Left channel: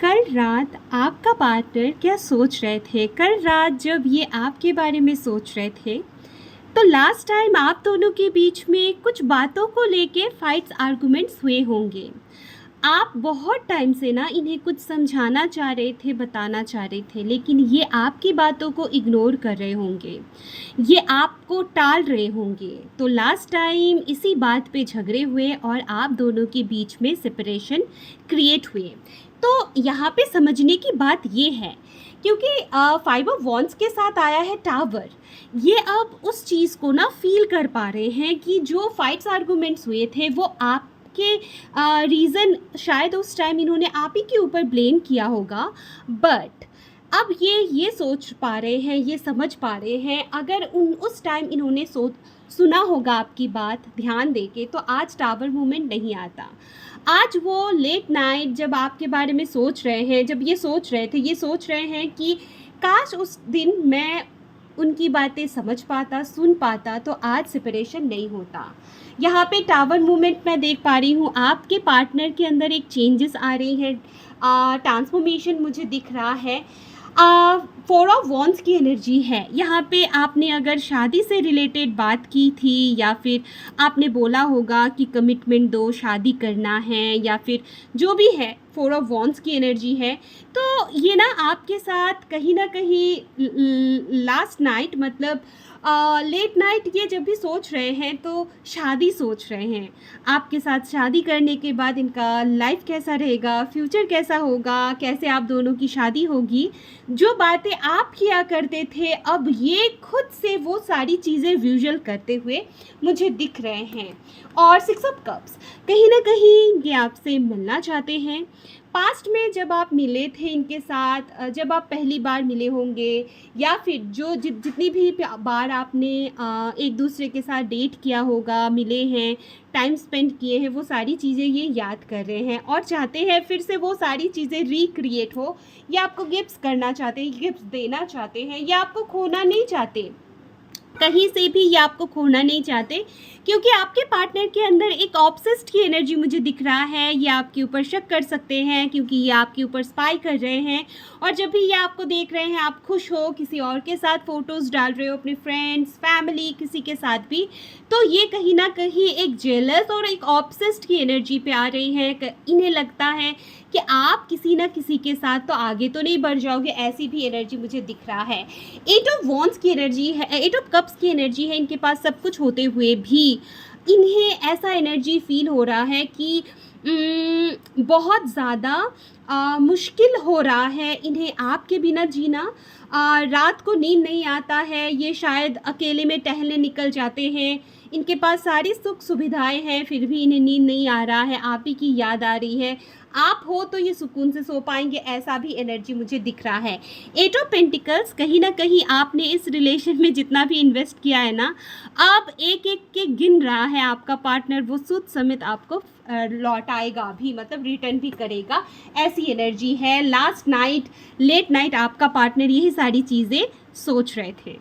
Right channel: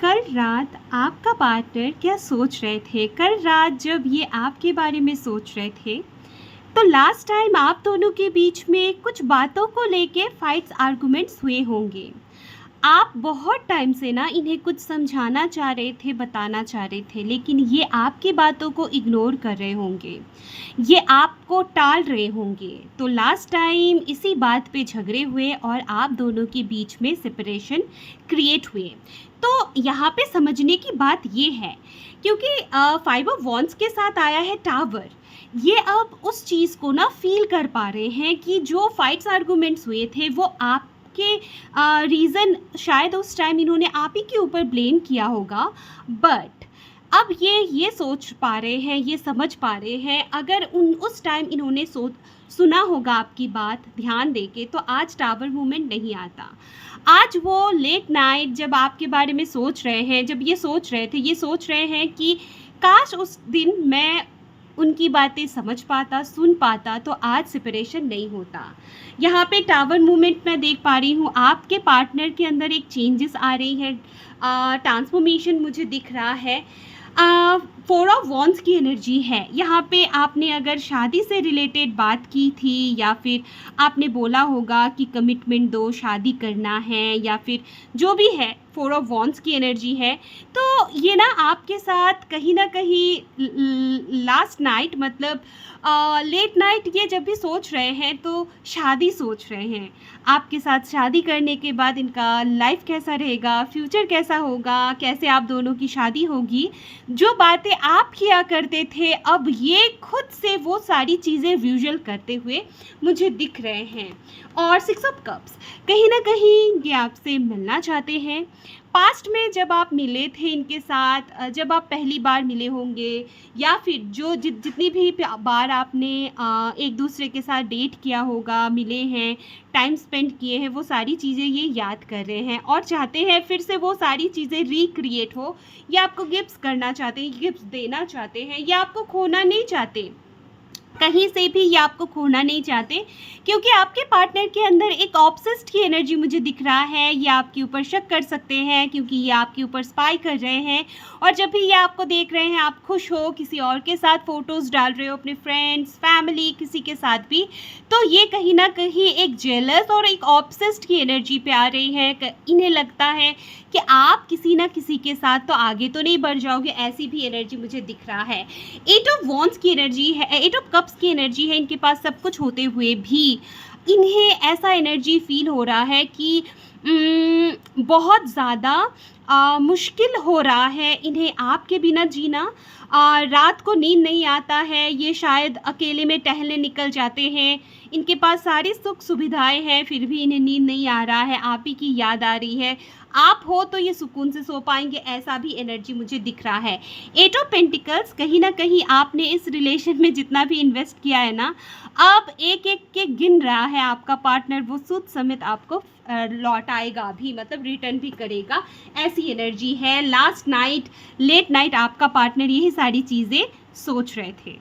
कल रात आपका पार्टनर क्या सोच रहे थे? कल रात जब ये आपके बारे में सोच रहे थे, तो लास्ट टाइम आप दोनों के बीच में कुछ बातों को लेके फाइट्स आर्गुमेंट्स हुए होंगे। आप बहुत टाइम से ना इन्हें कुछ समझाना चाह रहे थे, बताना चाह रहे थे, लेकिन ये आपकी बातों को इग्नोर कर रहे होंगे, ये आपको टाल रहे होंगे। तो लास्ट टाइम इसी बात पे झगड़े हुए और आप दोनों के बीच में सेपरेशन क्रिएट हुए। तो यहाँ पे समझने की बात ये है, क्योंकि 5 ऑफ वॉन्ड्स के साथ आया है टावर। ये अब उस चीज़ को ना फील कर पा रहे हैं कि जो फाइट्स आर्गुमेंट्स हुए थे वो आपके रीज़न शायद उस टाइम इन्होंने आप ही के ऊपर ब्लेम किया होगा। बट अब ये सोच पा रहे हैं, ये समझ पा रहे हैं, अगर उस टाइम इन्होंने सुना होगा आपकी बात ध्यान दे के, तो आज टावर मूवमेंट नहीं आता। आज वो लेट नाइट जब आपके बारे में सोच रहे हैं, जब ये सोच रहे थे, ये सोच रहे हैं कि काश उस दिन मैं उनकी बातें समझ पाता, सुन पाता, तो आज सेपरेशन नहीं होता। यहाँ पे टावर मूवमेंट मैं देख पा रही हूँ, आपके पार्टनर के अंदर एक चेंजेस आ रही हैं, ट्रांसफॉर्मेशन मुझे दिख रहा है। 4 ऑफ वॉन्ड्स की एनर्जी है यहाँ पे। आपने अगर शादी से रिलेटेड बात की थी, या फिर आपने बोला होगा कि कमिटमेंट दो, शादी करना है, या फिर जो भी है, 4 ऑफ वॉन्ड्स की एनर्जी है। तो ये ना आपके साथ कहीं ना कहीं लास्ट नाइट, मतलब लेट नाइट, ये जब भी सोच रहे हैं तो शादी सोच रहे हैं। आपके साथ शादी करने के बाद इनका लाइफ कैसा रहेगा, फ्यूचर कैसा होगा, कैसे आप दोनों की शादी होगी। जो बातें आप किया करते थे, अब ये खुद से वो सारी चीज़ें विजुअल करते हुए मुझे दिख रहे हैं। और 6 ऑफ कप्स, कहीं ना कहीं ये आपसे मिलना चाहते हैं। पास्ट में जब आप मिले थे इनके साथ, जब आप पहली बार मिले होंगे, या फिर जो जितनी भी बार आपने एक दूसरे के साथ डेट किया होगा, मिले हैं, टाइम स्पेंड किए हैं, वो सारी चीज़ें ये याद कर रहे हैं और चाहते हैं फिर से वो सारी चीज़ें रिक्रिएट हो। या आपको गिफ्ट्स करना चाहते हैं, गिफ्ट्स देना चाहते हैं, या आपको खोना नहीं चाहते, कहीं से भी ये आपको खोना नहीं चाहते, क्योंकि आपके पार्टनर के अंदर एक ऑब्सेस्ड की एनर्जी मुझे दिख रहा है। ये आपके ऊपर शक कर सकते हैं, क्योंकि ये आपके ऊपर स्पाई कर रहे हैं। और जब भी ये आपको देख रहे हैं, आप खुश हो, किसी और के साथ फ़ोटोज़ डाल रहे हो, अपने फ्रेंड्स, फैमिली, किसी के साथ भी, तो ये कहीं ना कहीं एक जेलस और एक ऑब्सेस्ड की एनर्जी पे आ रही हैं। इन्हें लगता है कि आप किसी ना किसी के साथ तो आगे तो नहीं बढ़ जाओगे, ऐसी भी एनर्जी मुझे दिख रहा है। 8 ऑफ वॉन्ड्स की एनर्जी है, 8 ऑफ कप्स की एनर्जी है। इनके पास सब कुछ होते हुए भी इन्हें ऐसा एनर्जी फील हो रहा है कि बहुत ज़्यादा मुश्किल हो रहा है इन्हें आपके बिना जीना। रात को नींद नहीं आता है, ये शायद अकेले में टहलने निकल जाते हैं। इनके पास सारी सुख सुविधाएं हैं, फिर भी इन्हें नींद नहीं आ रहा है, आप ही की याद आ रही है। आप हो तो ये सुकून से सो पाएंगे, ऐसा भी एनर्जी मुझे दिख रहा है। 8 ऑफ पेंटिकल्स, कहीं ना कहीं आपने इस रिलेशन में जितना भी इन्वेस्ट किया है ना, अब एक एक के गिन रहा है आपका पार्टनर, वो सूद समेत आपको लौटाएगा भी, मतलब रिटर्न भी करेगा, ऐसी एनर्जी है। लास्ट नाइट, लेट नाइट आपका पार्टनर यही सारी चीज़ें सोच रहे थे।